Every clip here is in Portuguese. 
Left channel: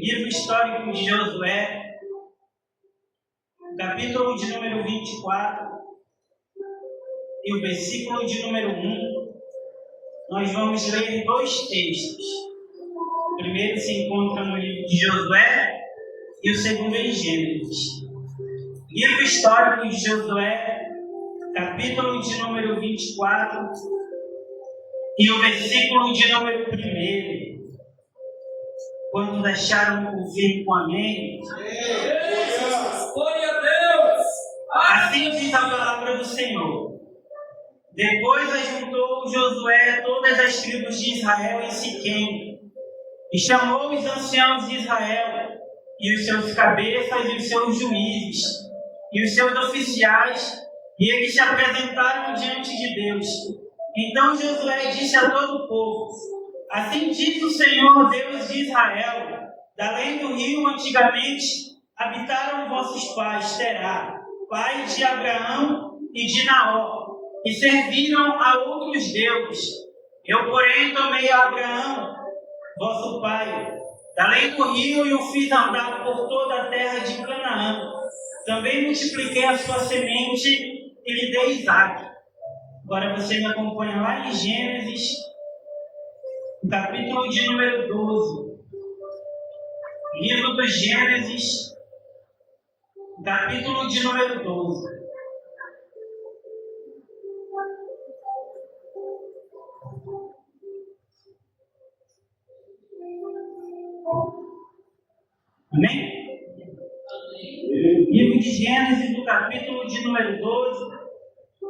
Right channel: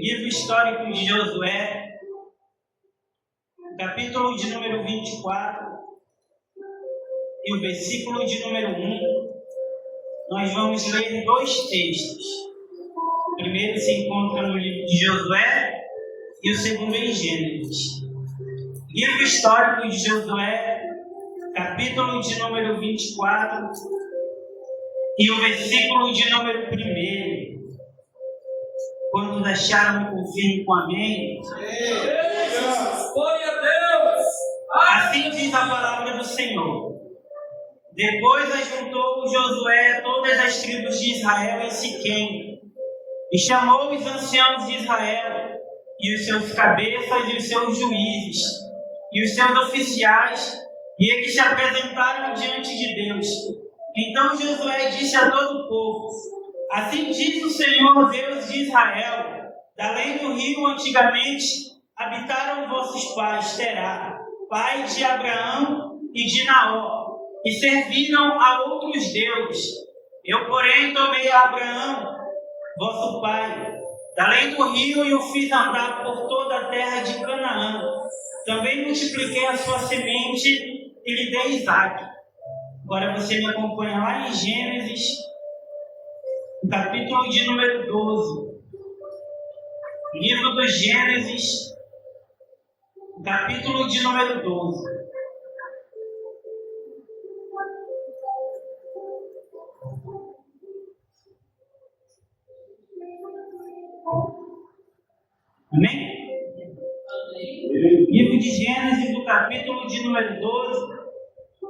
Livro histórico de Josué, capítulo de número 24 e o versículo de número 1. Nós vamos ler dois textos. O primeiro se encontra no livro de Josué e o segundo em Gênesis. Livro histórico de Josué, capítulo de número 24 e o versículo de número 1. Quantos acharam por fim com amém? Glória a Deus! Assim diz a palavra do Senhor. Depois ajuntou Josué todas as tribos de Israel em Siquém, e chamou os anciãos de Israel, e os seus cabeças, e os seus juízes, e os seus oficiais, e eles se apresentaram diante de Deus. Então Josué disse a todo o povo: assim diz o Senhor, Deus de Israel: da além do rio antigamente habitaram vossos pais, Terá, pai de Abraão e de Naor, e serviram a outros deuses. Eu, porém, tomei a Abraão, vosso pai, da além do rio, e o fiz andar por toda a terra de Canaã. Também multipliquei a sua semente e lhe dei Isaque. Agora você me acompanha lá em Gênesis, capítulo de número 12. Livro do Gênesis, capítulo de número 12. Amém? Livro de Gênesis, do capítulo de número 12,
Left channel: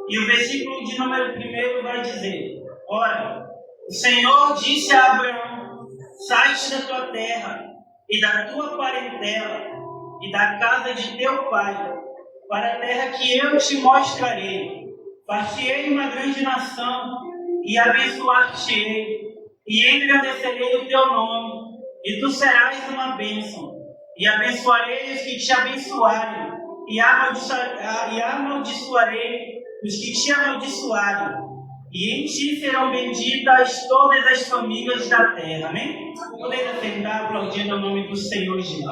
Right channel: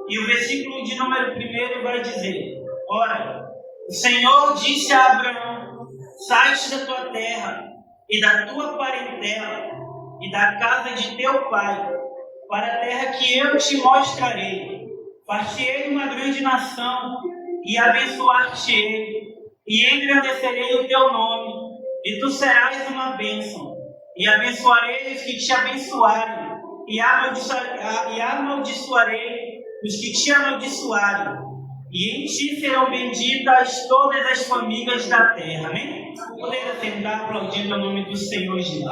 e o versículo de número 1 vai dizer: ora, o Senhor disse a Abraão: sai-te da tua terra e da tua parentela e da casa de teu pai, para a terra que eu te mostrarei. Far-te-ei uma grande nação e abençoar-te-ei, e engrandecerei o teu nome, e tu serás uma bênção. E abençoarei os que te abençoarem, e amaldiçoarei os que te amaldiçoarem. E em ti serão benditas todas as famílias da terra. Amém? Podemos sentar aplaudindo o nome do Senhor Jesus.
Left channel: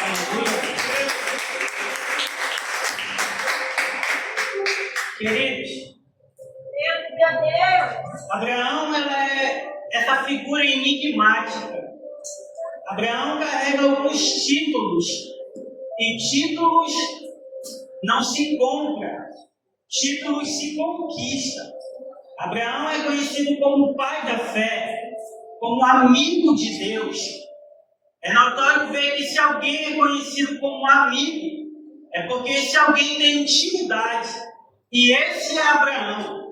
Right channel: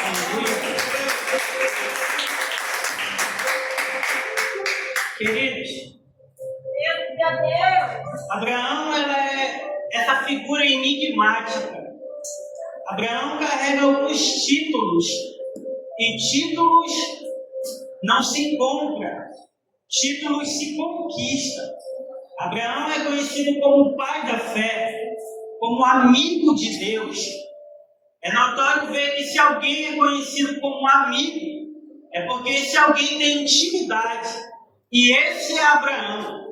Aleluia. Queridos, Abraão, ela é essa figura enigmática. Abraão carrega alguns títulos, e títulos não se compram, títulos se conquistam. Abraão é conhecido como pai da fé, como amigo de Deus. É notório ver que se alguém é conhecido como amigo, é porque esse alguém tem intimidade, e esse é Abraão.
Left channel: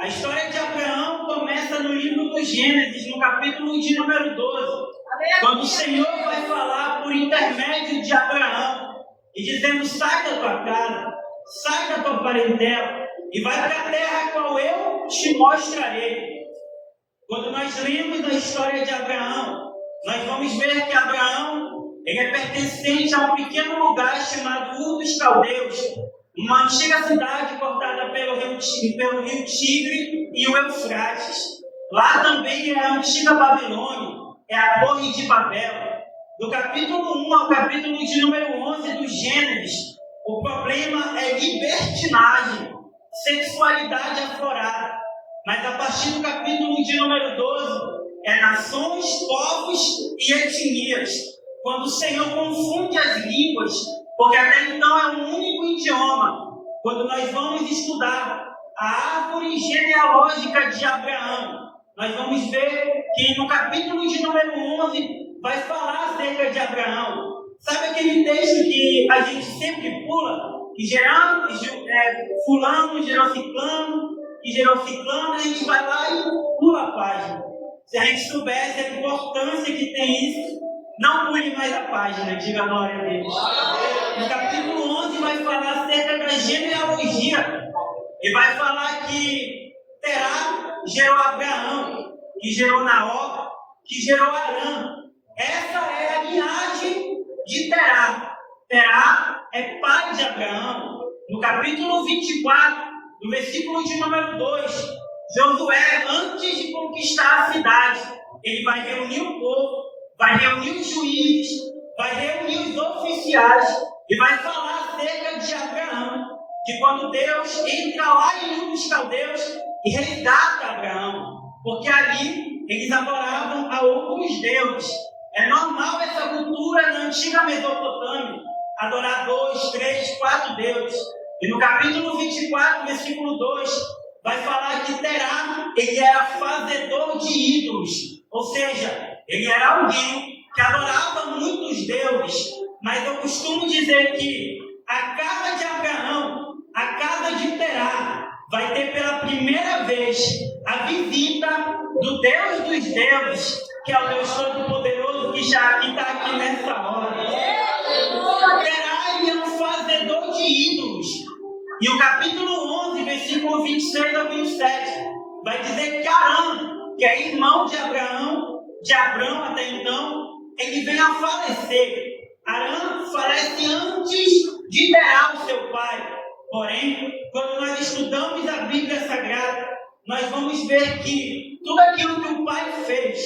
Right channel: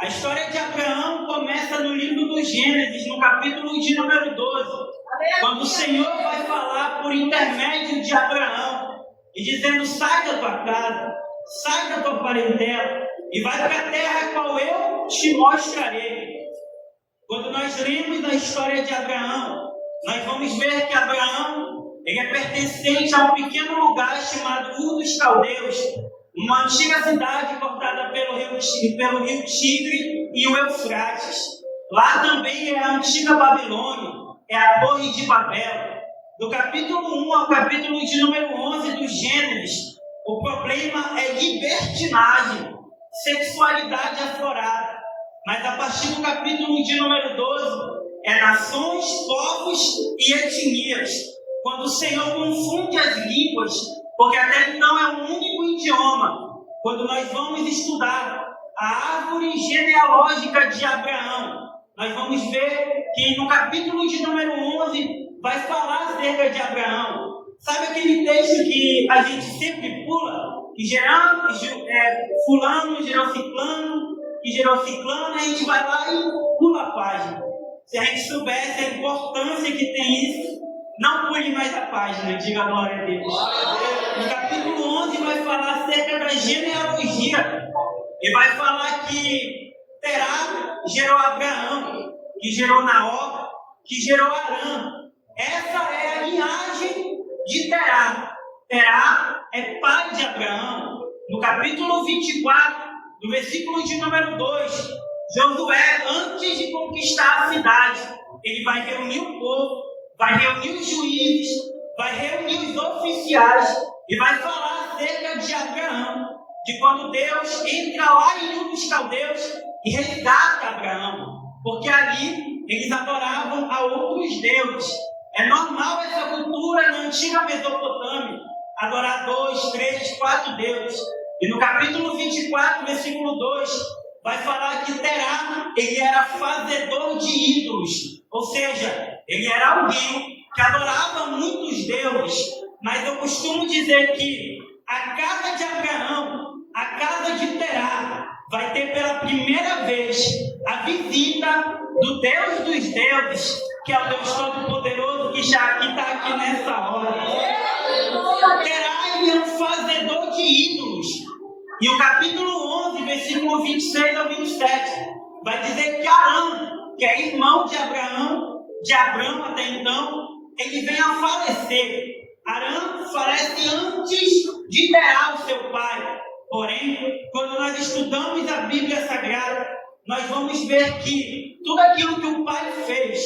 A história de Abraão começa no livro do Gênesis, no capítulo de número 12, quando o Senhor vai falar por intermédio de Abraão, e dizendo: sai da tua casa, sai da tua parentela, e vai para a terra a qual eu te mostrarei. Quando nós lemos a história de Abraão, nós vamos ver que Abraão ele é pertencente a um pequeno lugar chamado Ur dos Caldeus, uma antiga cidade cortada pelo rio Tigre e o Eufrates. Lá também é a antiga Babilônia, é a Torre de Babel. Do capítulo 1 ao capítulo de número 11 do Gênesis, o problema é libertinagem, sexualidade aflorada. Mas a partir do capítulo de número 12, é nações, povos e etnias, quando o Senhor confunde as línguas, porque até então é um único idioma. Quando nós vamos estudar a árvore genealógica de Abraão, nós vamos ver que no capítulo de número 11 vai falar acerca de Abraão. Sabe aquele texto que a gente sempre pula? Que fulano gerou ciclano, que gerou ciclano, a gente vai lá e pula a página. Se a gente soubesse a importância que tem isso, não pule mais a página, diga glória a Deus. No capítulo 11 vai falar acerca da genealogia, e vai falar que Terá gerou Abraão, que gerou Naor, que gerou Arã. Essa é a linhagem de Terá. Terá é pai de Abraão. No capítulo 24, no versículo de número 2, Josué, antes de conquistar a cidade, ele vai reunir o povo, vai reunir os juízes, vai reunir os oficiais e vai falar acerca de Abraão, de quando Deus entra lá em Ur dos Caldeus e resgata Abraão, porque ali eles adoravam a outros deuses. É normal essa cultura na antiga Mesopotâmia, adorar 2, 3, 4 deuses. E no capítulo 24, versículo 2, vai falar que Terá, ele era fazedor de ídolos, ou seja, ele era alguém que adorava muitos deuses. Mas eu costumo dizer que a casa de Abraão, a casa de Terá, vai ter pela primeira vez a visita do Deus dos deuses, que é o Deus Todo-Poderoso, que já está aqui nessa hora. Terá, ele é um fazedor de ídolos. E o capítulo 11, versículo 26 ao 27, vai dizer que Arão, que é irmão de Abrão até então, ele vem a falecer. Arão falece antes de Terá, o seu pai. Porém, quando nós estudamos a Bíblia Sagrada, nós vamos ver que tudo aquilo que o pai fez,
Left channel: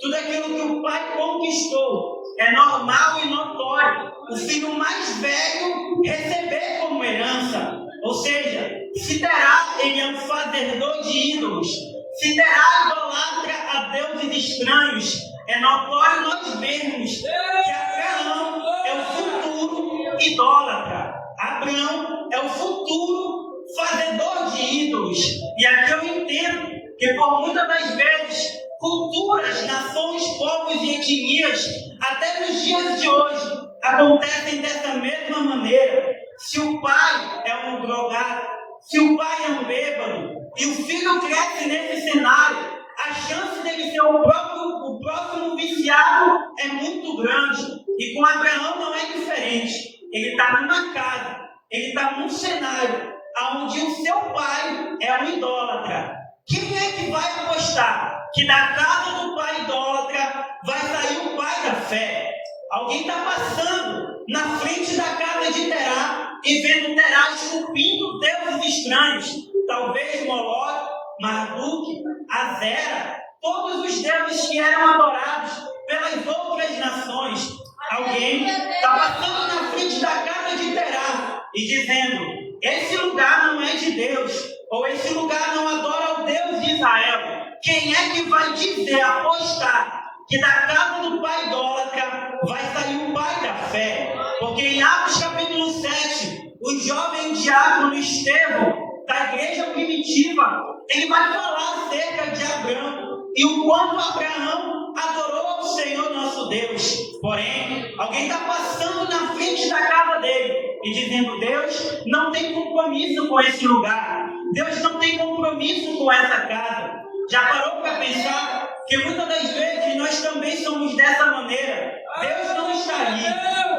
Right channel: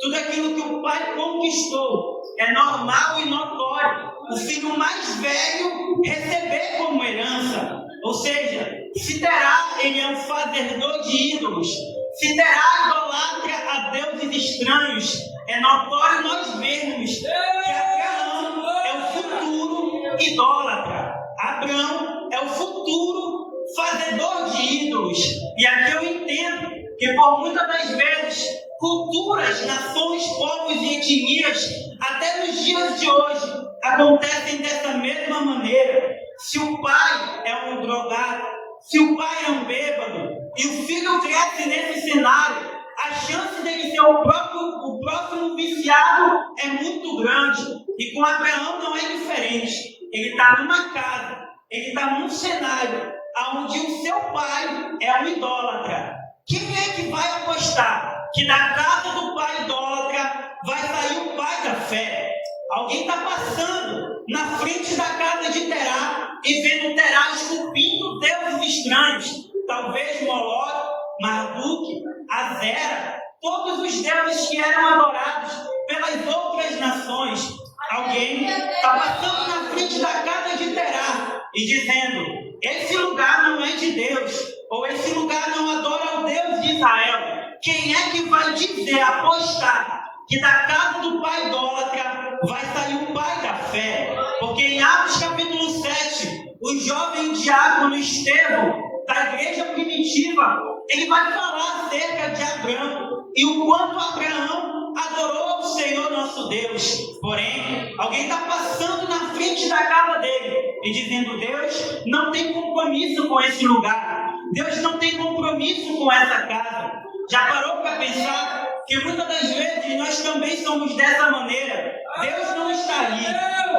tudo aquilo que o pai conquistou, é normal e notório o filho mais velho receber como herança. Ou seja, se Terá, ele é um fazedor de ídolos, se Terá idolatra a deuses estranhos, é notório nós vermos que Abraão é o futuro idólatra. Abraão é o futuro fazedor de ídolos. E aqui eu entendo que por muitas das vezes, culturas, nações, povos e etnias, até nos dias de hoje, acontecem dessa mesma maneira. Se o pai é um drogado, se o pai é um bêbado, e o filho cresce nesse cenário, a chance dele ser o próximo viciado é muito grande. E com Abraão não é diferente. Ele está numa casa, ele está num cenário onde o seu pai é um idólatra. Quem é que vai apostar que da casa do pai idólatra vai sair o pai da fé? Alguém está passando na frente da casa de Terá e vendo Terá esculpindo deuses estranhos, talvez Moloque, Marduk, Azera, todos os deuses que eram adorados pelas outras nações. Alguém está passando na frente da casa de Terá e dizendo: esse lugar não é de Deus, ou esse lugar não adora o Deus de Israel. Quem é que vai dizer, apostar, que da casa do pai idólatra vai sair o pai da fé? Porque em Atos capítulo 7, o jovem diácono Estevão, da igreja primitiva, ele vai falar acerca de Abraão e o quanto Abraão adorou ao Senhor nosso Deus. Porém, alguém está passando na frente da casa dele e dizendo: Deus não tem compromisso com esse lugar, Deus não tem compromisso com essa casa. Já parou para pensar que muitas das vezes nós também somos dessa maneira? Deus não está ali,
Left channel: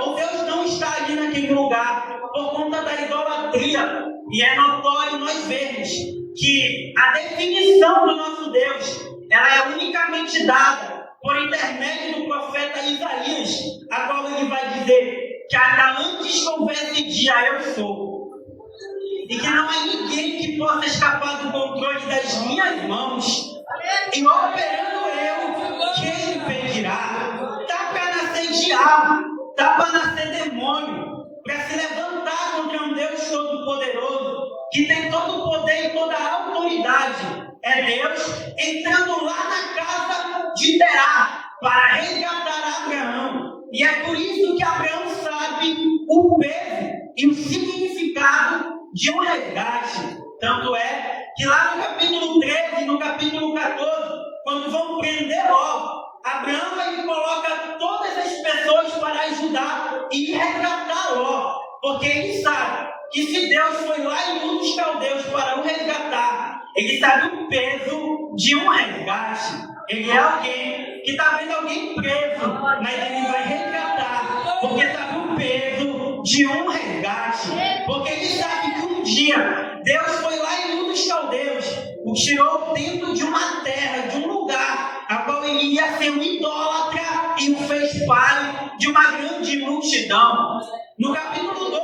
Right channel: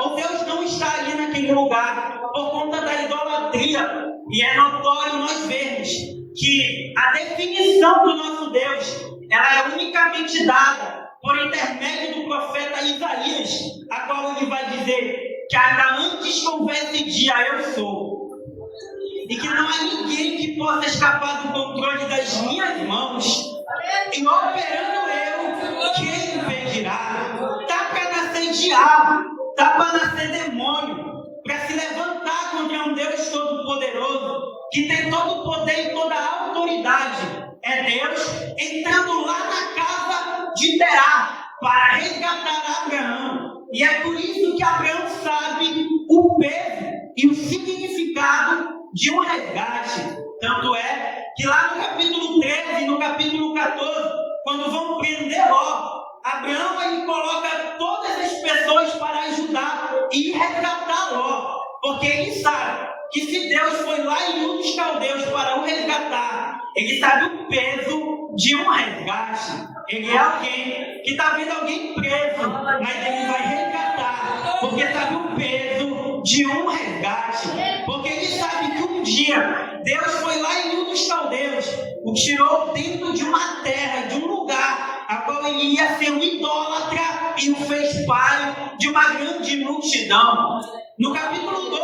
ou Deus não está ali naquele lugar por conta da idolatria. E é notório nós vermos que a definição do nosso Deus, ela é unicamente dada por intermédio do profeta Isaías, a qual ele vai dizer que ainda antes que houvesse dia eu sou. E que não há ninguém que possa escapar do controle das minhas mãos. E operando eu, quem impedirá? Está para nascer diabo, está para nascer demônio, para se levantar contra um Deus Todo-Poderoso, que tem todo o poder e toda a autoridade. É Deus entrando lá na casa de Terá para resgatar Abraão. E é por isso que Abraão sabe o peso e o significado de um resgate. Tanto é que lá no capítulo 13 e no capítulo 14, quando vão prender Ló, Abraão ele coloca todas as pessoas para ajudar e resgatar Ló, porque ele sabe que se Deus foi lá em Ur dos Caldeus para o resgatar, ele sabe o peso de um resgate. Ele é alguém que está vendo alguém preso, mas ele vai resgatar, porque sabe o peso de um resgate. Porque ele sabe que um dia Deus foi lá em Ur dos Caldeus, o tirou dentro de uma terra, de um lugar, a qual ele ia ser um idólatra e o fez pai de uma grande multidão. No capítulo 12,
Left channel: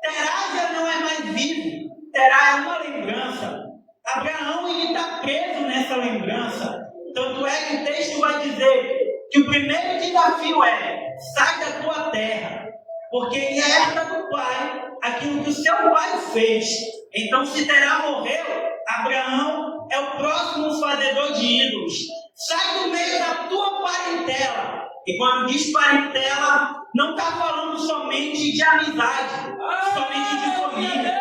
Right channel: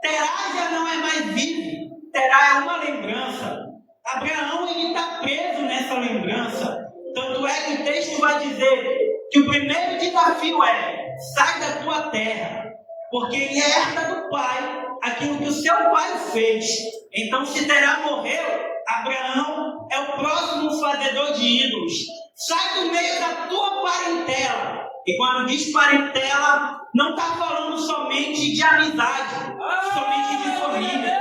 Terá já não é mais vivo, Terá é uma lembrança. Abraão está preso nessa lembrança. Tanto é que o texto vai dizer que o primeiro desafio é: sai da tua terra, porque ele herda do pai aquilo que o seu pai fez. Então, se Terá morreu, Abraão é o próximo fazedor de ídolos. Sai do meio da tua parentela. E quando diz parentela, não está falando somente de amizade, somente de família.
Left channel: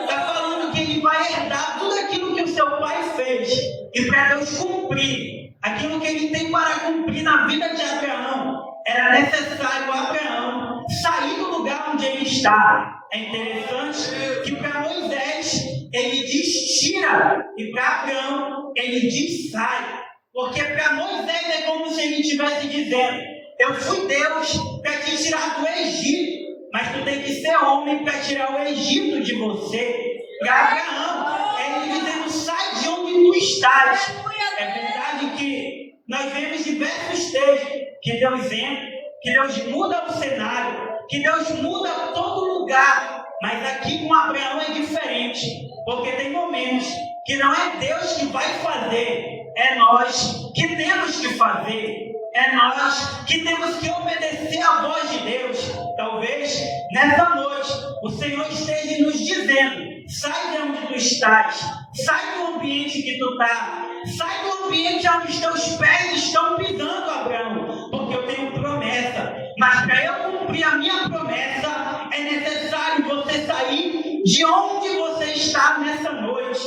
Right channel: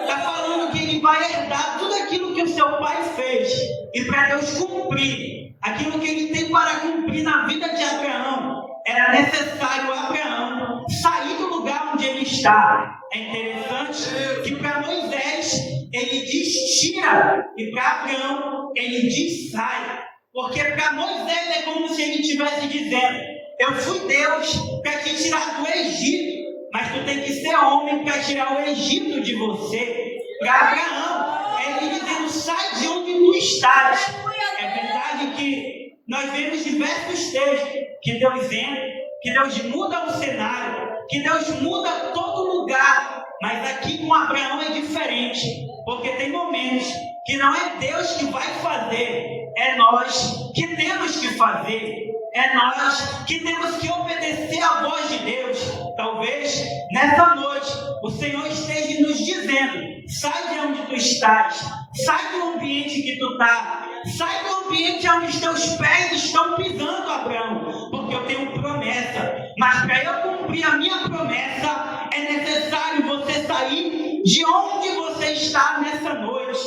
Está falando que ele vai herdar tudo aquilo que o seu pai fez. E para Deus cumprir aquilo que ele tem para cumprir na vida de Abraão, era necessário Abraão sair do lugar onde ele está. É interessante que para Moisés ele diz tira, e para Abraão ele diz sai. Porque para Moisés é como se ele estivesse dizendo: eu fui Deus para te tirar do Egito, mas tu tem que ser homem para tirar o Egito de você. Para Abraão, ele dizendo: sai de onde tu estás. É verdade que nós vemos diversos textos que Deus entra, que Deus muda o cenário, que Deus muda todo lugar. Mas aqui com Abraão é diferente, porque tem momentos que não é Deus que vai fazer, é nós que temos que fazer. É nós que temos que obedecer à voz de Deus. Talvez nessa noite o Senhor esteja nos dizendo: sai de onde tu estás, sai do ambiente que tu está, sai do ambiente onde os teus pés estão pisando, Abraão, porque eu tenho promessa. Mas para eu cumprir a minha promessa, é necessário você sair de onde você está nessa noite.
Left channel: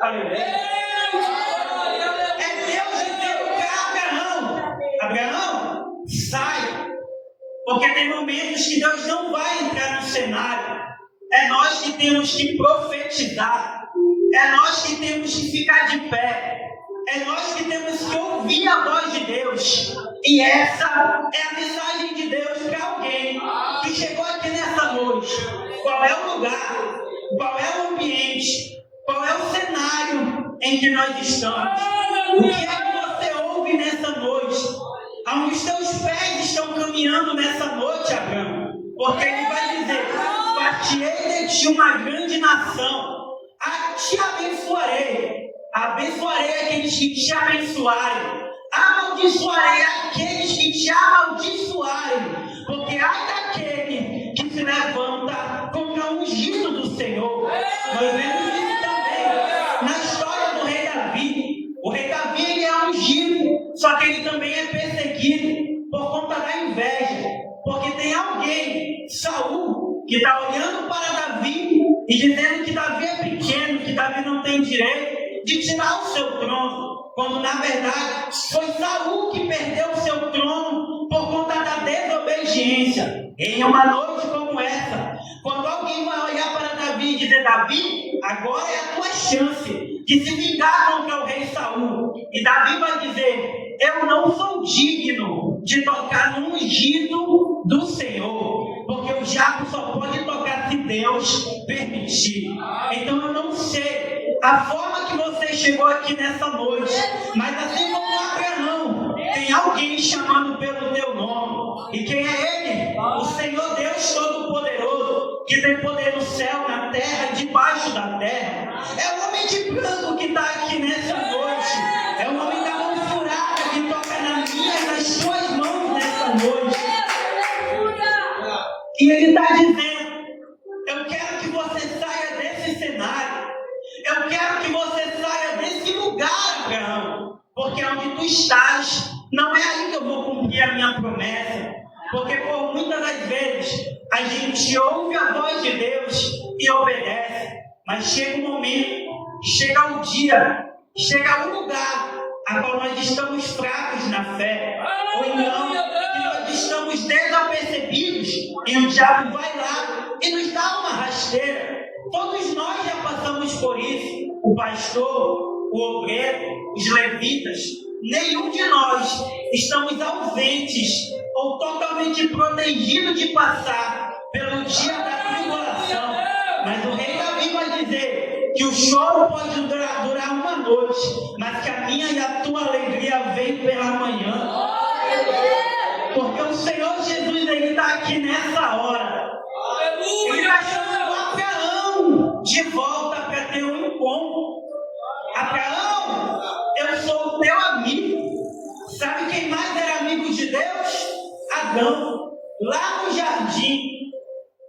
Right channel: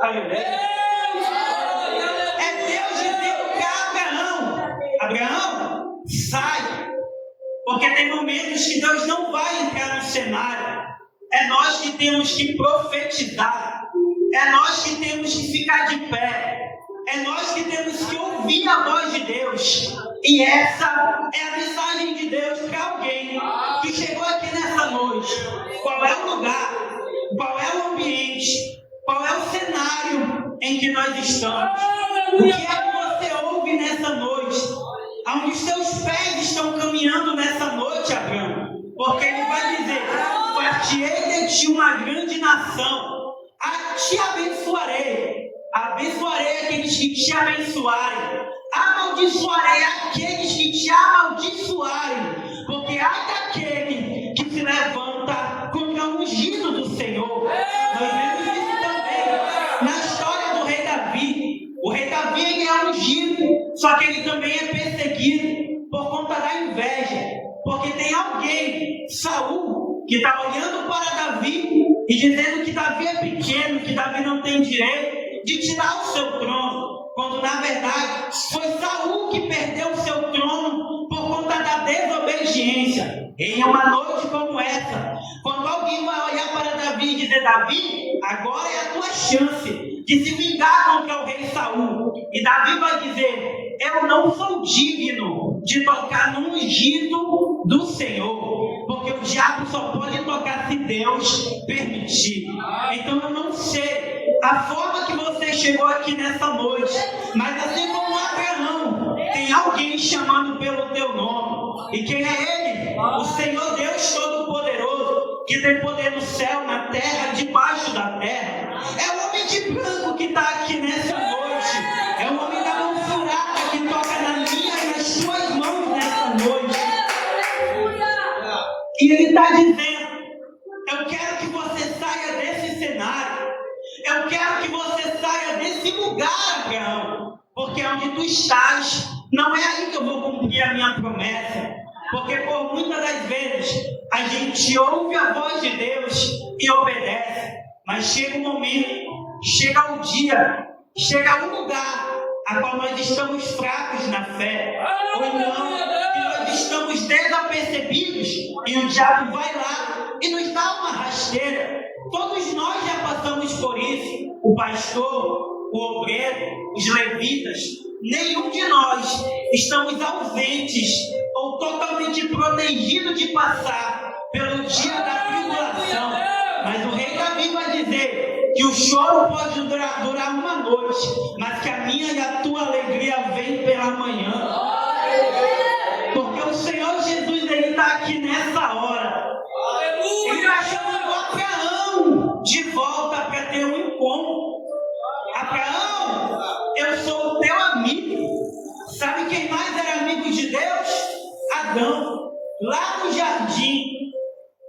Aleluia. Abraão, sai, porque tem momentos que Deus não vai entrar no cenário. É nós que temos que profetizar, é nós que temos que ficar de pé, é nós que temos que ouvir a voz de Deus. E essa é a mensagem de Deus para alguém que chegou aqui nessa noite. Qual é o lugar, qual é o ambiente, qual é o cenário em que nós estamos? O que é que você ouve nessa noite? Aonde os teus pés estão caminhando nessa noite, Abraão? Porque ele vai dizer: fartei de ti uma grande nação, a te abençoarei, abençoarei aqueles que te abençoarem, amaldiçoarei aqueles que te amaldiçoarem, porque ai daquele que se levanta contra o ungido do Senhor. Nós vemos isso também na história do rei Davi. O rei Davi, ele é ungido, só que ele também é perseguido por conta da inveja, porque tem alguém, Saul, que está olhando para Davi e dizendo que Davi é pequeno, que Davi não tem direito de tirar o seu trono, quando na verdade foi Saul que perdeu o seu trono por conta da desobediência. Em uma noite como essa, quando alguém vai olhar para Davi e dizer: Davi, agora é a tua chance de se vingar contra o rei Saul. E Davi vai dizer: eu não sou digno de tocar no ungido do Senhor, porque o diabo só pode tocar se Deus permitir. Então eu não sei a forma que você chegou aqui nessa noite, mas assim como Abraão, tem alguém chamando pelo teu nome. E quem é ele? O Senhor Deus Todo-Poderoso, que tem poder no céu, na terra, debaixo da terra. É o homem de branco que está aqui nessa noite. É o homem da mão furada que toca na minha e nas suas mãos nessa noite. E ele está dizendo: eu quero que você saia desse cenário. Eu quero que você saia desse lugar, Abraão. Porque onde tu estás, não é aí que eu vou cumprir a minha promessa. Porque por muitas das vezes a gente ouve a voz de Deus e obedece. Mas chega um momento, chega um dia, chega um lugar a qual nós estamos fracos na fé. Ou então que nós estamos desapercebidos e o diabo vai lá e nos dá uma rasteira. Todos nós já passamos por isso. O pastor, o obreiro, os levitas. Nenhum de nós estamos ausentes ou totalmente protegidos de passar pelo dia da tribulação. Mas o rei Davi vai dizer que o choro pode durar uma noite, mas que a minha e a tua alegria vem pela manhã. Porque o Senhor Jesus, ele está aqui nessa hora. Ele está chamando Abraão de volta para ter um encontro. Adão, lá no jardim,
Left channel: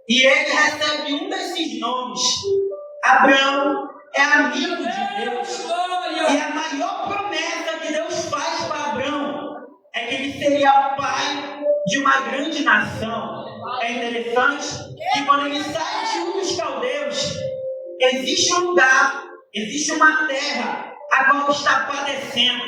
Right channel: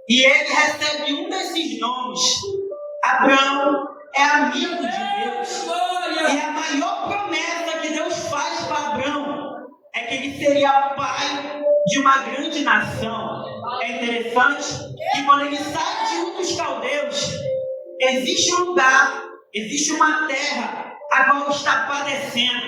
e ele recebe um desses nomes. Abraão é amigo de Deus. E a maior promessa que Deus faz para Abraão é que ele seria pai de uma grande nação. É interessante que quando ele sai de um dos caldeus, existe um lugar, existe uma terra a qual está padecendo.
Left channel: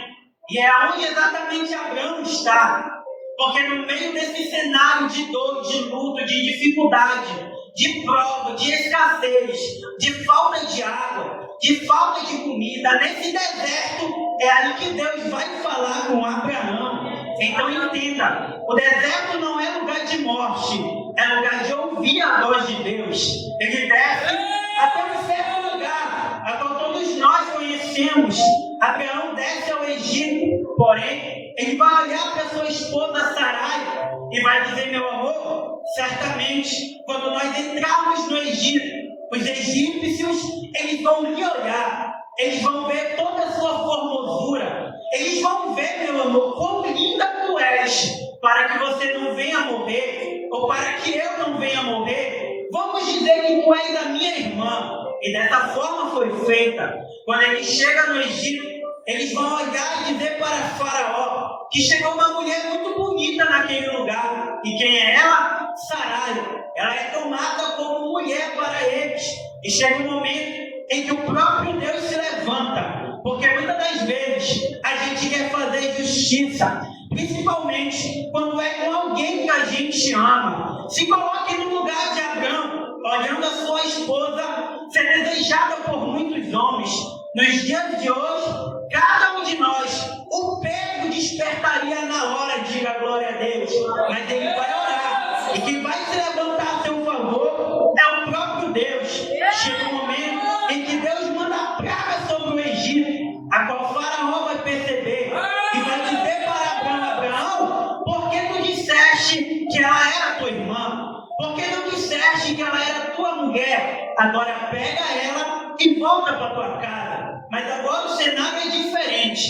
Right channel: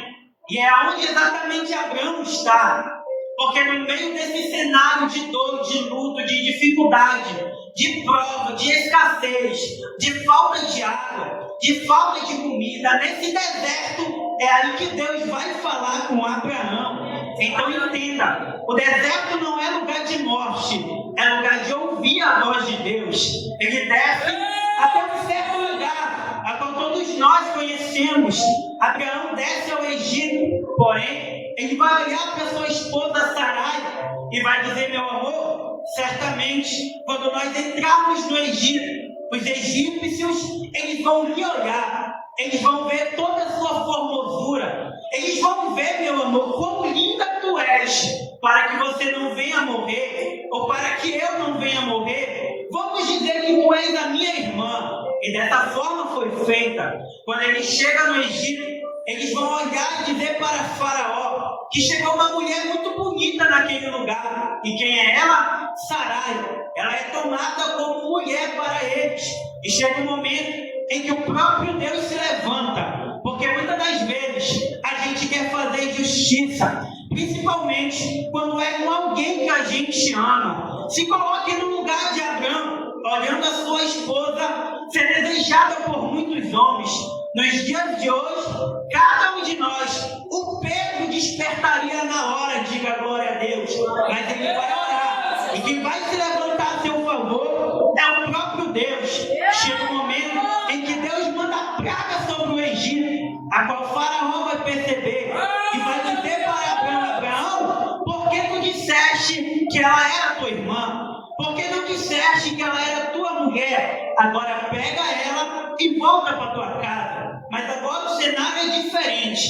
E é onde exatamente Abraão está. Porque no meio desse cenário de dor, de luto, de dificuldade, de prova, de escassez, de falta de água, de falta de comida, nesse deserto, é aí que Deus vai falar com Abraão. Então entenda, o deserto não é lugar de morte, é lugar de ouvir a voz de Deus. Ele desce até um certo lugar, a qual todos nós conhecemos. Abraão desce ao Egito, porém, ele vai olhar para sua esposa Sarai e vai dizer: meu amor, certamente, quando nós entrarmos no Egito, os egípcios, eles vão lhe olhar, eles vão ver toda a sua formosura, eles vão ver, meu amor, quão linda tu és, para que você não venha morrer, ou para que eu não venha morrer. Vamos dizer que tu és a minha irmã. E dessa forma foi feita. Quando ele chega no Egito, eles vão olhar e dizer para Faraó que chegou uma mulher muito bonita naquele lugar. E quem é ela? Sarai. Ela é tomada como mulher para eles. E chega um momento em que o próprio Deus se levanta. Porque muitas das vezes a gente quer fazer justiça, principalmente quando é com alguém que a gente ama. Se coloque no lugar de Abraão, olhando a sua esposa ser desejada por muitos homens. Nos dias de hoje, cada um de nós, o Pedro despertaria na hora, diga glória a Deus, mas ele vai orar, e quem vai se levantar a seu favor é o próprio Deus. Chega um momento em que Deus manda a praga sobre o Egito, a qual Faraó vai perceber e vai dizer para Abraão: Abraão, por que tu disseste que ela era tua irmã? Por que não disseste que ela era tua mulher? Agora pega ela e volta para tua casa. Mas agora o cenário é diferente.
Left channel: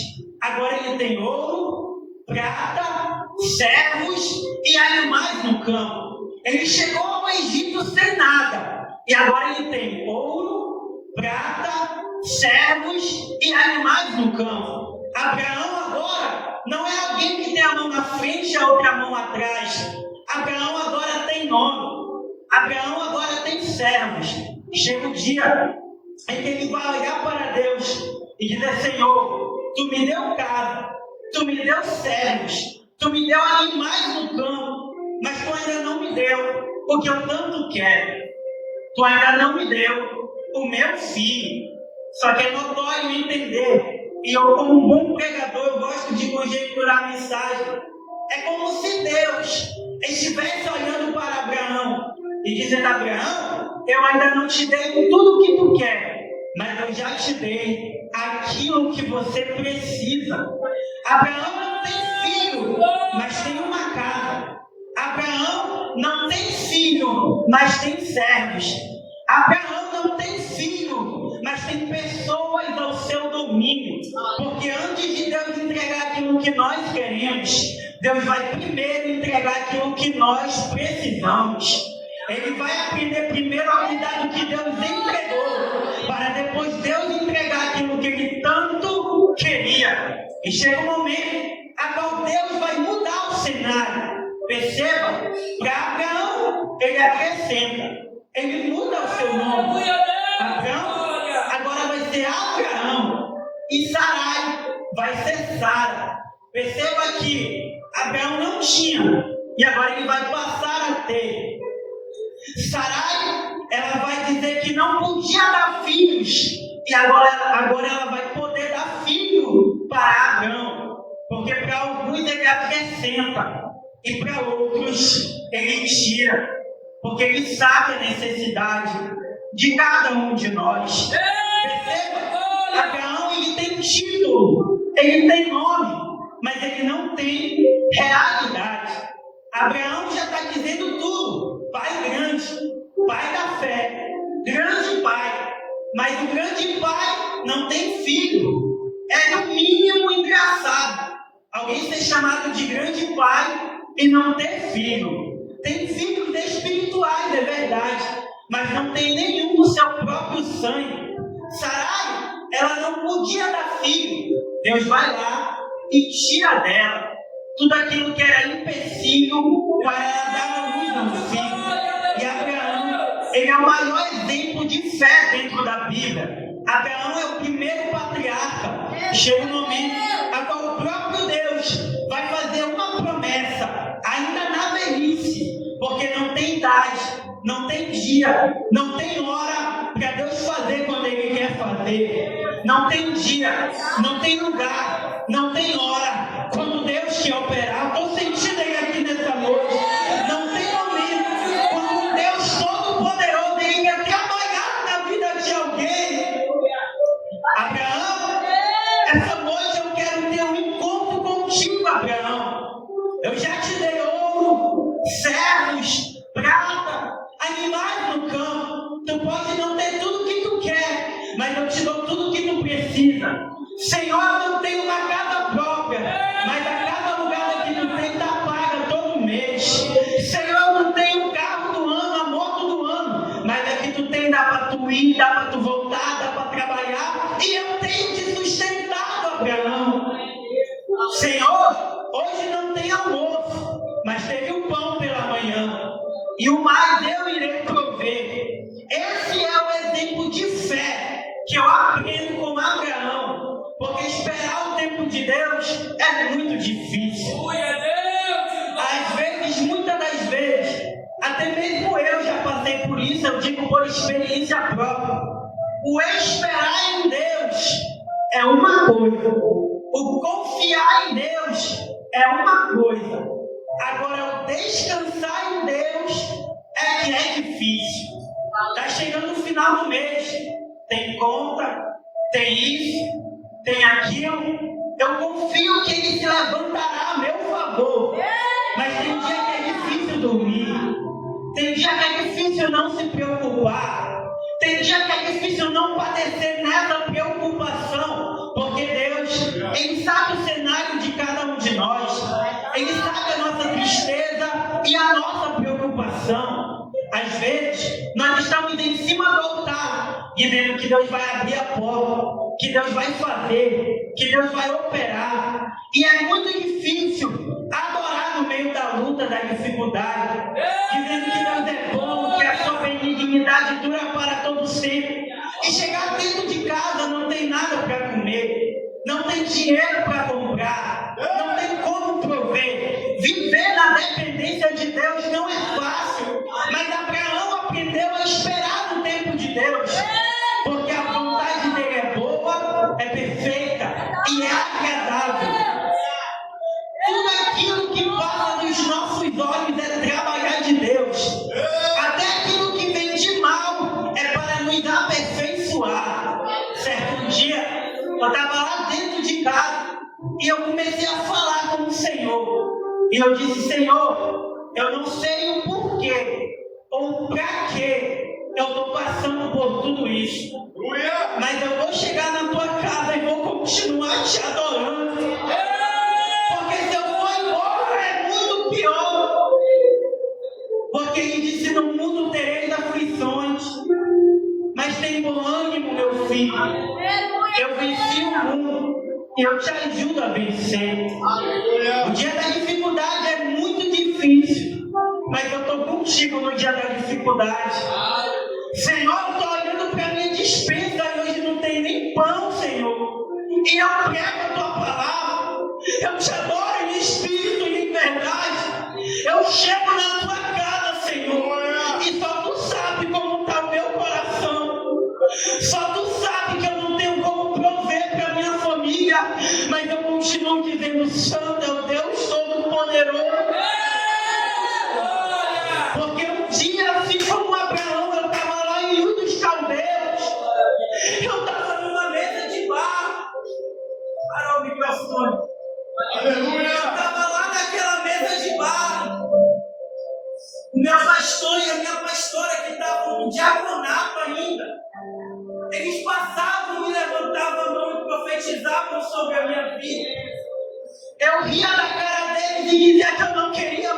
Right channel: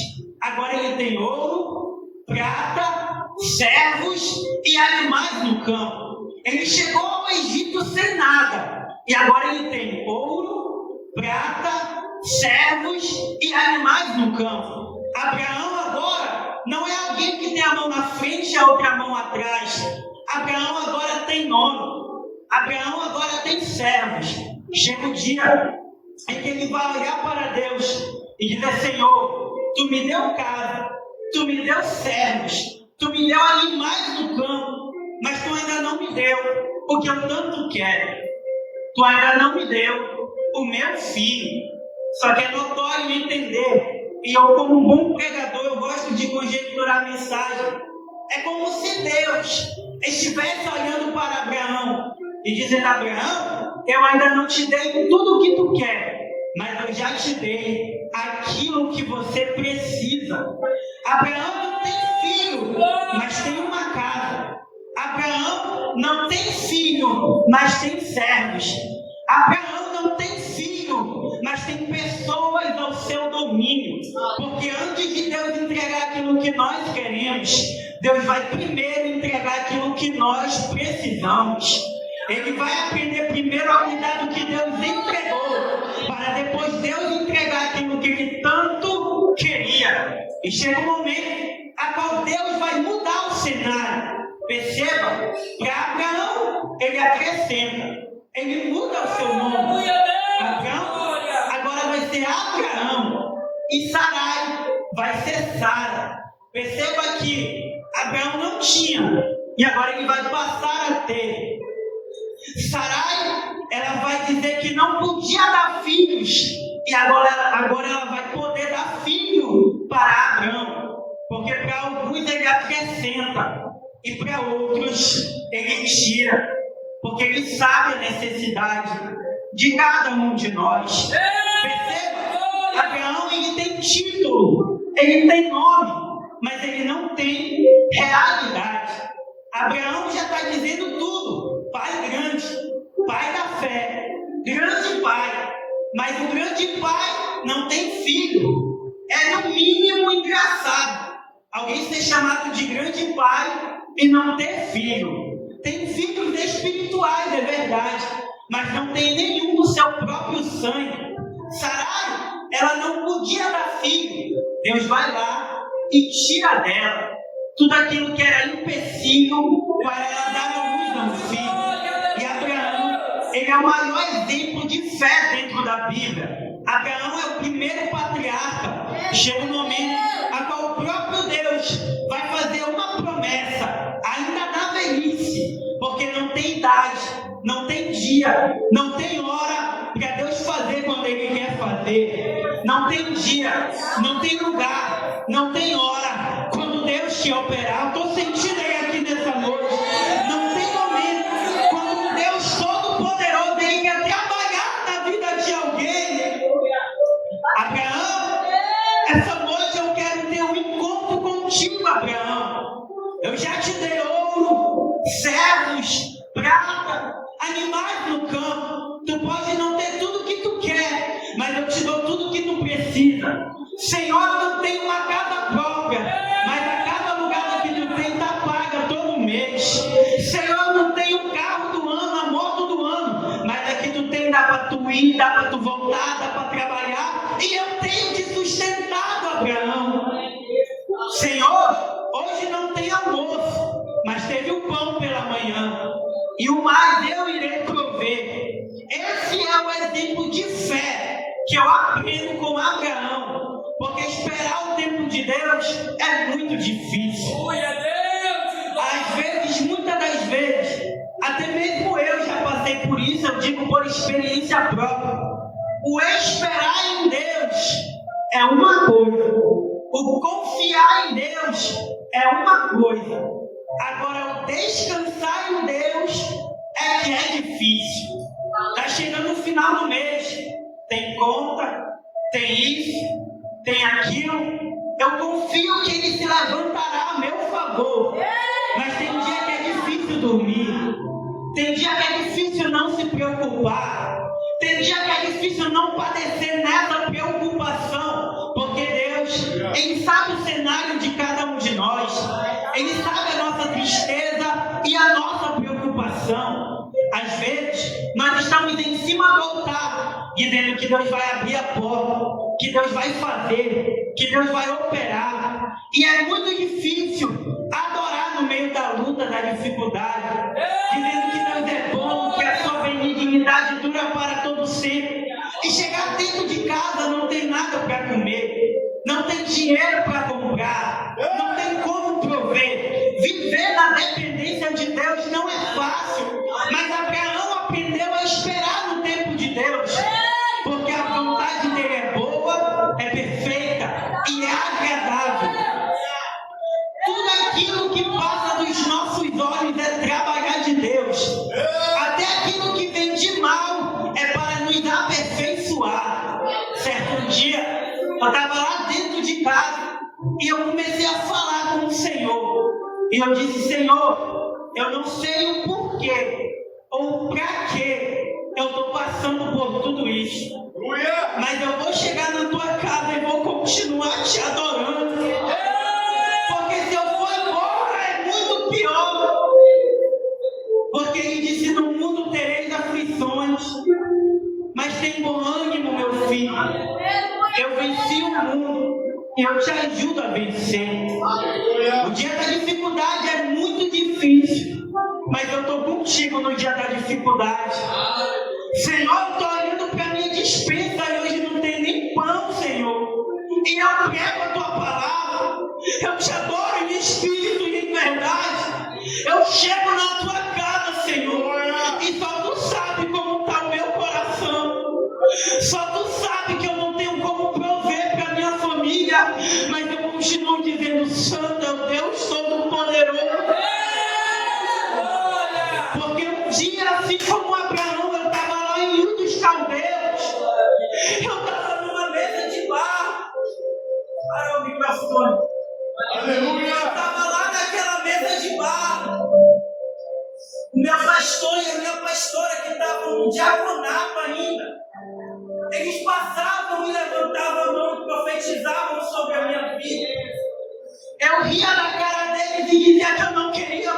Agora ele tem ouro, prata, servos e animais no campo. Ele chegou ao Egito sem nada. E agora ele tem ouro, prata, servos e animais no campo. Abraão agora não é alguém que tem a mão na frente e a outra mão atrás. Abraão agora tem nome. Abraão agora tem servos. Chega o dia em que ele vai olhar para Deus e dizer: Senhor, tu me deu casa, tu me deu servos, tu me deu animais no campo, mas tu ainda não me deu o que eu tanto quero. Tu ainda não me deu o meu filho. Só que é notório entender, e eu, como um bom pregador, eu gosto de conjecturar a mensagem. É como se Deus estivesse olhando para Abraão e dizendo: Abraão, eu ainda não te dei tudo o que tu quer, mas eu já te dei aquilo que você precisa. Abraão não tem filho, mas tem uma casa. Abraão não tem filho, mas tem servos. Abraão não tem filho, mas tem pessoas ao seu domínio. Porque antes de Deus entregar aquilo que nós queremos, Deus vai primeiro entregar aquilo que nós precisamos. Ele vai aprender primeiro a cuidar do que Deus entregou, para depois Deus entregar aquilo que ele tanto queria. E chega um momento a qual Deus vai mudar o cenário. Perceba, para Abraão ele acrescenta, ele muda o seu nome. Abraão agora vai ser Abraão, e Sarai vai ser Sara. Perceba que Abraão não tinha, e agora ele vai passar a ter. Sarai, ela vai dizer que não podia dar filhos, e agora ela vai poder dar filho para Abraão, porque para alguns ele acrescenta, e para outros ele tira, porque ele sabe a necessidade de cada um de nós. Perceba, Abraão ele tem título, ele tem nome, mas ele não tem realidade. Abraão já está dizendo tudo: pai grande, pai da fé, grande pai. Mas o grande pai não tem filho. É no mínimo engraçado alguém ser chamado de grande pai e não ter filho. Tem filhos espirituais, é verdade, mas não tem nenhum do seu próprio sangue. Sarai, ela não podia dar filho. Deus vai lá e tira dela tudo aquilo que era empecilho para ela dar a luz a um filho. E Abraão, ele é o maior exemplo de fé dentro da Bíblia. Abraão é o primeiro patriarca. Chega um momento a qual o próprio Deus vai fazer uma promessa, ainda na velhice, porque não tem idade, não tem dia, não tem hora para Deus fazer quando Ele quer fazer. Não tem dia, não tem lugar, não tem hora. Quando Deus quer operar, estou sentindo Ele aqui nessa noite. Não tem momento. Quando Deus Todo-Poderoso, Ele quer trabalhar na vida de alguém. Abraão, essa noite eu quero ter um encontro contigo, Abraão. Eu já te dei ouro, servos, prata, animais no campo. Tu pode não ter tudo o que tu quer, mas eu te dou tudo o que tu precisa. Senhor, eu não tenho uma casa própria, mas a cada lugar que tu tem está paga todo mês. Senhor, eu não tenho o carro do ano, a moto do ano, mas aqui tu tem, dá para tu ir, dá para tu voltar, dá para trabalhar, e eu tenho te sustentado, Abraão. Senhor, hoje não tem almoço, mas teve o pão pela manhã, e o mais eu irei prover. Esse é o exemplo de fé que eu aprendo com Abraão, porque esperar o tempo de Deus é muito difícil. Às vezes, muitas das vezes, até mesmo eu já passei por isso, eu digo por experiência própria. O esperar em Deus é uma coisa, o confiar em Deus é uma coisa. Agora, o descansar em Deus é que é difícil. Está chegando no final do mês, tem conta, tem isso, tem aquilo. Eu confio que Ele se levantará a meu favor. Mas tem dia que é difícil dormir, tem dia que é difícil não se preocupar, tem dia que é difícil não padecer nessa preocupação, porque Deus, Ele sabe o cenário de cada um de nós, Ele sabe a nossa tristeza e a nossa preocupação. Às vezes, nós estamos em cima do altar, dizendo que Deus vai abrir a porta, que Deus vai fazer, que Deus vai operar. E é muito difícil adorar no meio da luta, da dificuldade, dizendo que Deus é bom, que a sua benignidade dura para todo sempre. E chegar dentro de casa, não tem nada para comer, não tem dinheiro para comprar, não tem como prover. Viver na dependência de Deus não é fácil, mas Abraão aprendeu a esperar no tempo de Deus, porque a vontade dele é boa, é perfeita e é agradável. Tudo aquilo que passa dos nossos olhos é trabalhar de Deus. Até aquilo que vem de mal é para nos aperfeiçoar. Certo dia, eu estava lá dentro de casa e eu comecei a falar com o Senhor. E eu disse: Senhor, eu não sei o porquê ou para que eu estou passando por tudo isso, mas eu vou chegar na tua casa e vou continuar te adorando, porque se eu for embora é muito pior. Porque Ele disse: no mundo tereis aflições, mas tem bom ânimo, meu filho. Eu venci o mundo e eu te ajudo a vencer. O dia da dificuldade é muito difícil, mas eu estou contigo no dia da dificuldade. Senhor, eu estou olhando para a minha despensa e hoje não tem nem pão, Senhor. E eu prego a tua palavra, eu te adoro em espírito e em verdade. Eu chego na tua casa, Senhor, e só tu sabe como está o meu coração. Só tu sabe que eu não tenho como prover para a minha família, mas eu continuo dizendo: Santo é o Deus Todo-Poderoso. Porque um dia, assim como Abraão, eu estava lá em Ur dos Caldeus, eu estava numa mesa de bar. Parou o microfone. Aleluia! Eu estava lá naquela mesa de bar. O meu pastor e a minha pastora, que estavam no diaconato ainda, eles passavam e levantavam a mão e profetizavam sobre a minha vida. Eu ria da cara deles e dizia que eu não queria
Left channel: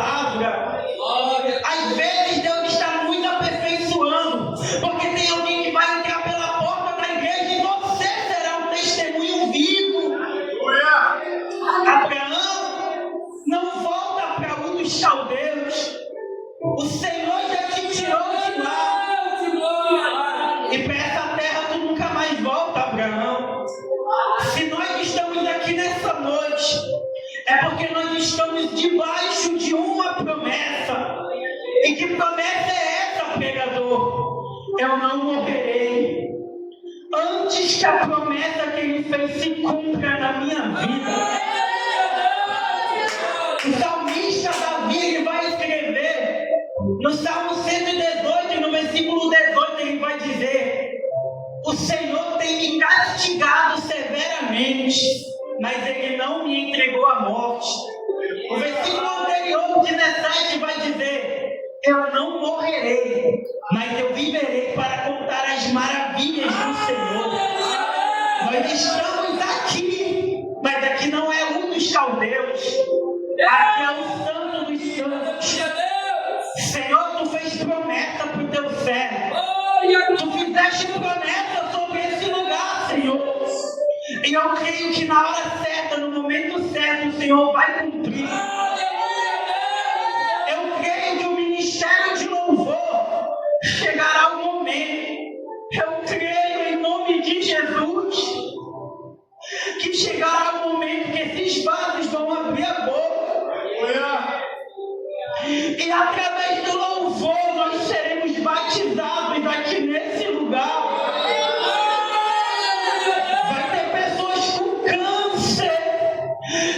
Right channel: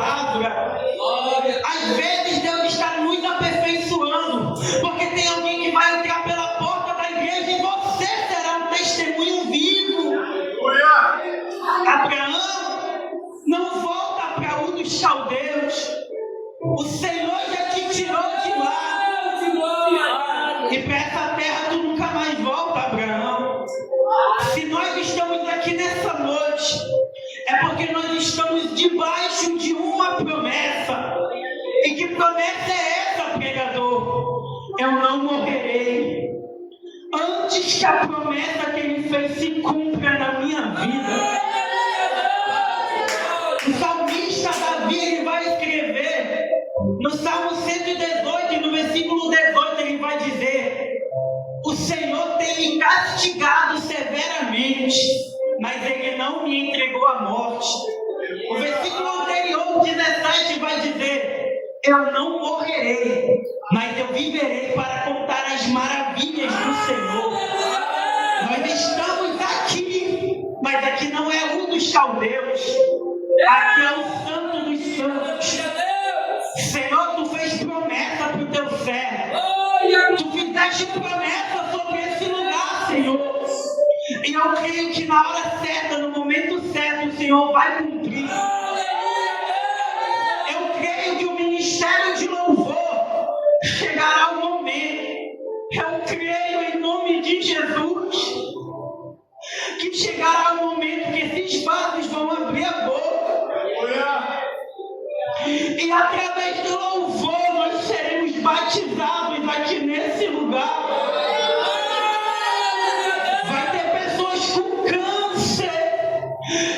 palavra. Às vezes Deus está muito aperfeiçoando, porque tem alguém que vai entrar pela porta da igreja e você será um testemunho vivo. Abraão, não volta para Ur dos Caldeus. O Senhor já te tirou de lá. E para essa terra tu nunca mais volta, Abraão. Se nós estamos aqui nessa noite, é porque nós estamos debaixo de uma promessa. E que promessa é essa, pregador? Eu não morrerei antes que a promessa que ele fez se cumpra na minha vida. O salmista Davi, ele vai escrever no Salmo 118, no versículo 18, ele vai dizer: o Senhor tem me castigado severamente, mas ele não me entregou à morte. O versículo anterior, 17, vai dizer: eu não morrerei, mas eu viverei para contar as maravilhas do Senhor. Nós estamos aqui, mas aqui não é Ur dos Caldeus, aqui é o Santo dos Santos. Senhor, tu fez promessa para o teu servo, tu fizeste promessa sobre esse lugar, Senhor, e eu creio que na hora certa, no momento certo, o Senhor vai cumprir. Eu creio que o ministério de louvor chegará o momento. Eu creio em nome de Jesus que chegará o momento que esses vasos vão abrir a boca. E através do louvor nós seremos batizados aqui nesse lugar. Vai ter pessoas com câncer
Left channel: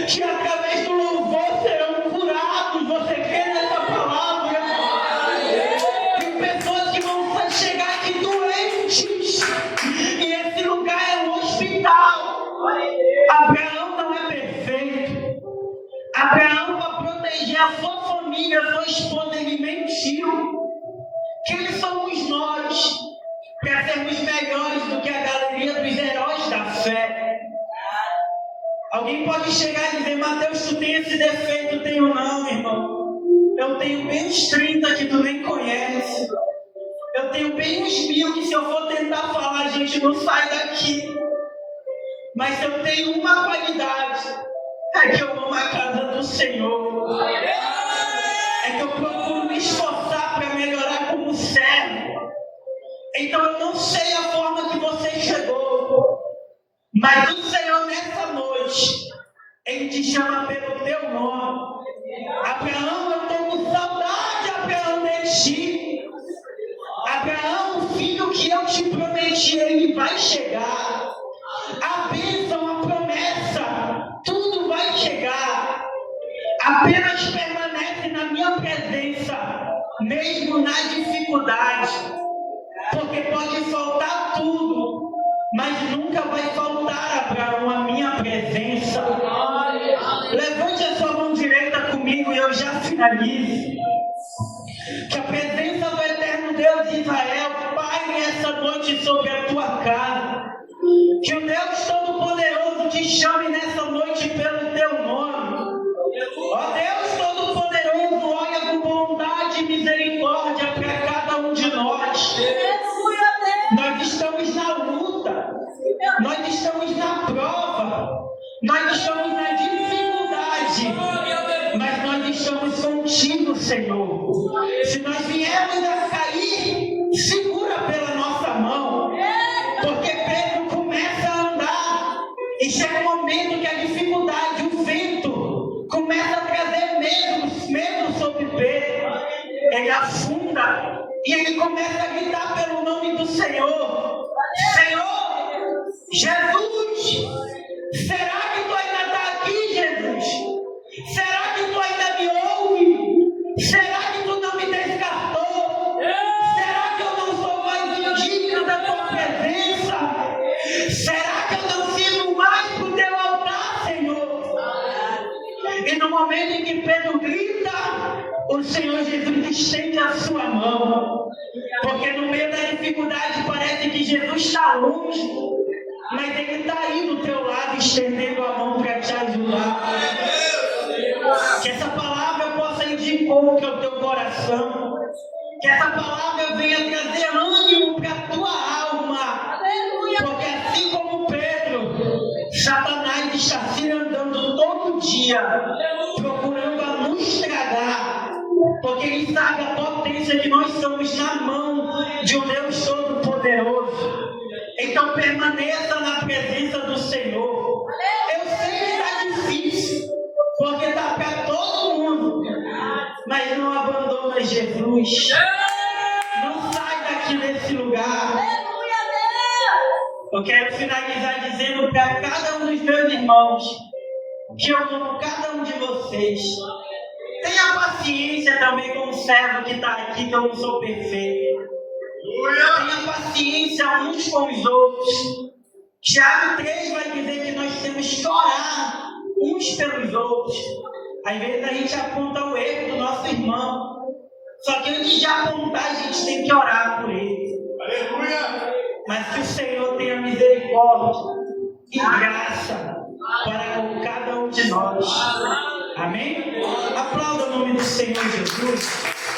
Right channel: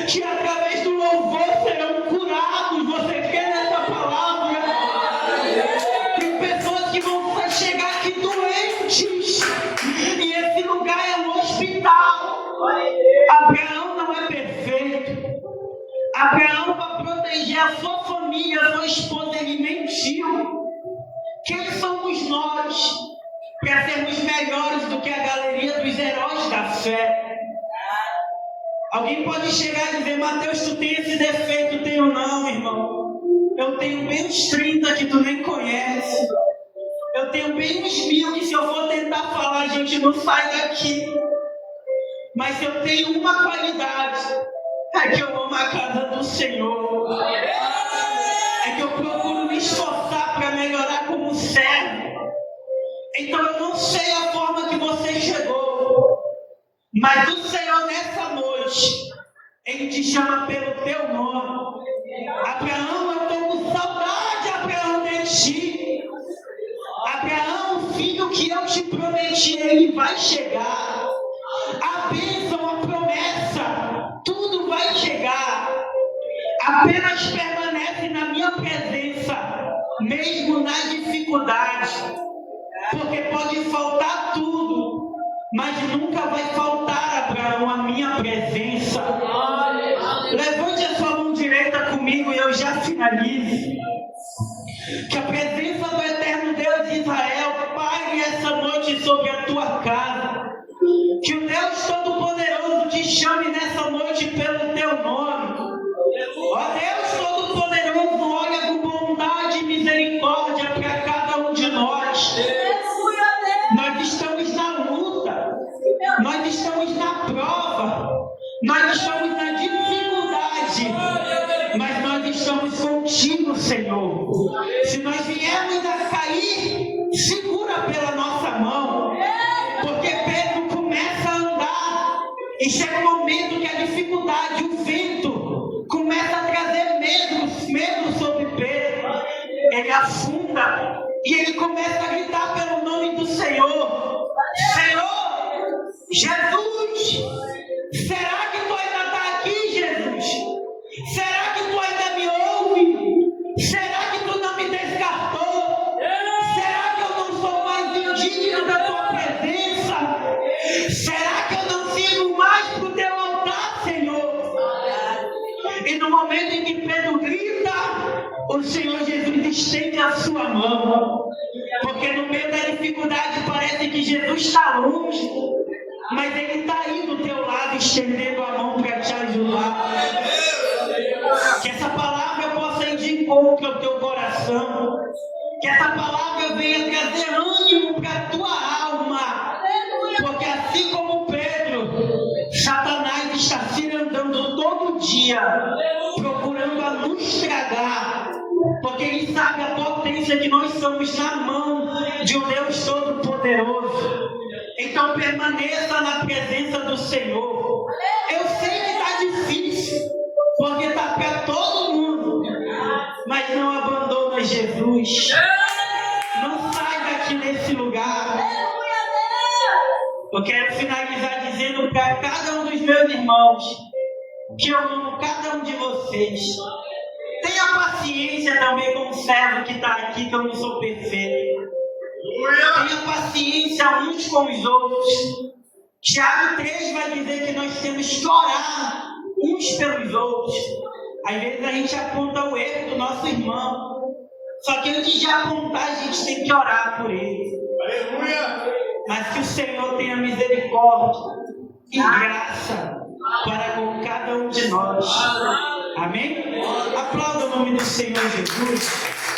que através do louvor serão curados. Você crê nessa palavra? Tem pessoas que vão chegar aqui doentes e esse lugar é um hospital. Abraão não é perfeito. Abraão, para proteger a sua família, a sua esposa, ele mentiu. Quem somos nós para sermos melhores do que a galeria dos heróis da fé? Alguém pode chegar e dizer: Mateus, tu tem esse defeito? Tenho não, irmão. Eu tenho bem uns 30 que tu nem conhece. Eu tenho bem uns 1000 que se eu for tentar falar, a gente não sai daqui. Mas eu tenho uma qualidade: é que eu amo a casa do Senhor. É que eu procuro me esforçar para melhorar como servo. Então eu não sei a forma que você chegou, mas o Senhor nessa noite, Ele te chama pelo teu nome. Abraão, eu estou com saudade, Abraão, de ti. Abraão, o filho que eu te prometi, ele vai chegar. A bênção, a promessa, tudo vai chegar. Apenas permanece na minha presença, mesmo na dificuldade. Porque pode faltar tudo, mas nunca vai faltar, Abraão, a minha presença. Levante a sua mão direita comigo e eu já finalizo. Que a presença do eterno Deus de Israel paire essa noite sobre a tua casa. Que o Deus Todo-Poderoso te chame nessa noite pelo teu nome. Ó Deus Todo-Poderoso, olha com bondade e misericórdia para cada um de nós. Nós estamos na luta, nós estamos na prova, nós estamos na dificuldade, mas nós estamos contigo, Senhor. Se nós viermos a cair, segura pela nossa mão, porque Pedro começa a andar e chega um momento que a dificuldade, o vento, começa a trazer medo sobre Pedro. Ele afunda e ele começa a gritar pelo nome do Senhor: Senhor, Jesus, será que tu ainda está aqui, Jesus? Será que tu ainda me ouve? Será que tu não me descartou? Será que eu não sou mais indigno da tua presença? Será que eu não sirvo mais para o teu altar, Senhor? E no momento em que Pedro grita, o Senhor Jesus estende a sua mão. Porque no meio da dificuldade parece que Jesus está longe, mas Ele está aí do teu lado, estendendo a mão para te ajudar. Que essa palavra possa indicar encontre ao teu coração. Que essa palavra venha trazer ânimo para a tua alma. Porque assim como Pedro, Satanás está se andando todo dia, procurando a nos tragar. Porque ele sabe a potência que nós somos na mão de um Deus Todo-Poderoso. Então permaneça na presença do Senhor. Eu sei que está difícil, porque está para todo mundo. Mas não abandona Jesus. Não sai daqui desse lugar. Eu quero finalizar dizendo para cada um dos meus irmãos que eu amo cada um de vocês. Tenha paciência também com o servo que está aqui, que eu não sou perfeito. Tenha paciência uns com os outros. Tiago 3 vai dizer que nós temos que orar uns pelos outros. Às vezes a gente aponta o erro do nosso irmão. Só que antes de apontar, a gente tem que orar por ele. Aleluia! Mas que o Senhor tenha misericórdia e graça para com cada um de nós. Amém? Aplauda o nome do Senhor Jesus.